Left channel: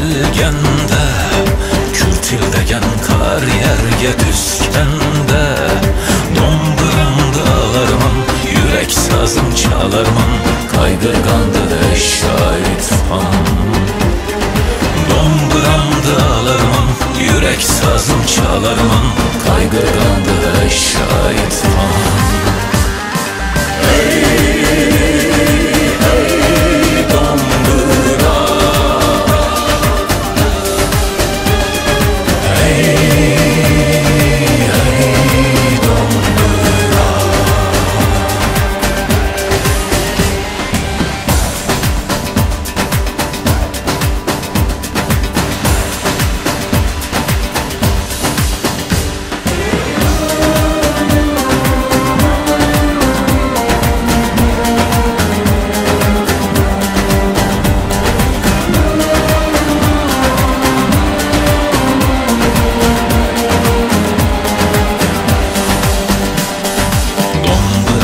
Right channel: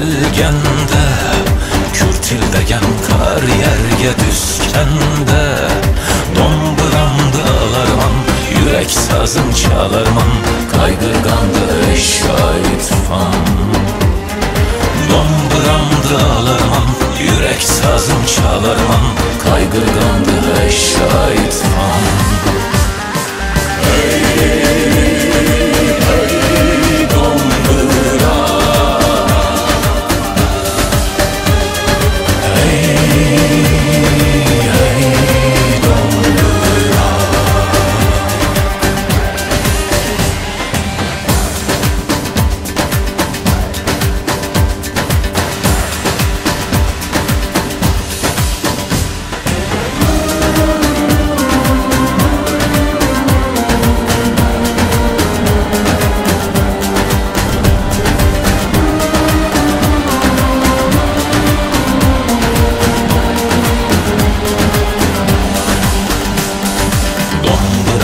gəlgəndə Kürtildəyən kar yerge düzkəndə Domburamda alarman, yürək sazım çalarman Qaygırqandı eşyay tufan Domburamda alarman, yürək sazım çalarman Qaygırqandı eşyay tufan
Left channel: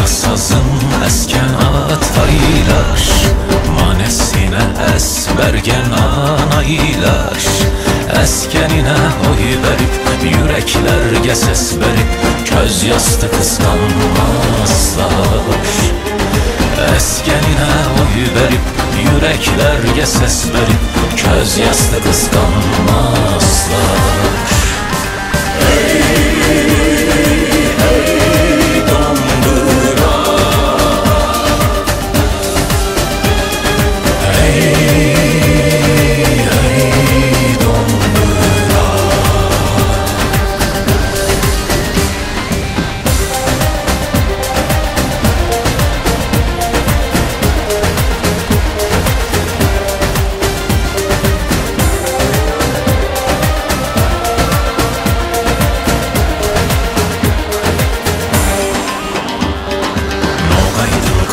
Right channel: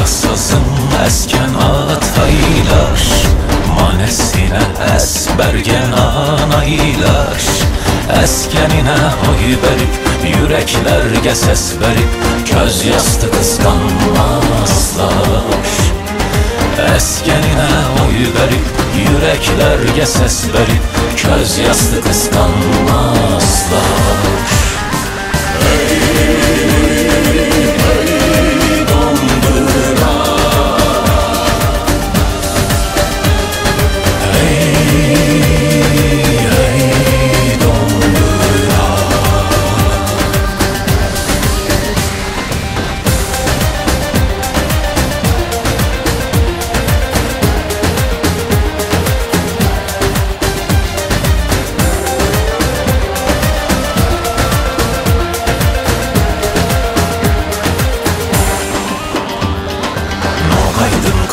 Sazın esken ataylar Manesine esbergen anaylar Eskenine oy verip yüreklerge ses verip Köz yastı kıskanmazlar Eskenine oy verip yüreklerge ses verip Köz yastı kıskanmazlar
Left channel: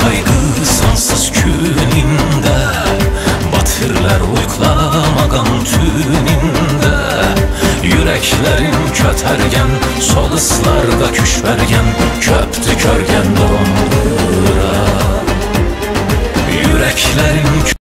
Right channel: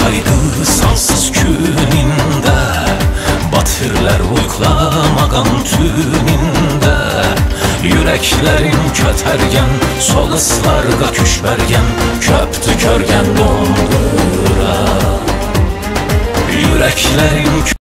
Kaygı sansız güninde Batırlar uyklamagan tüninde Yüreklerin kötergen Sol ıslarga küş bergen Köptü körgen dondu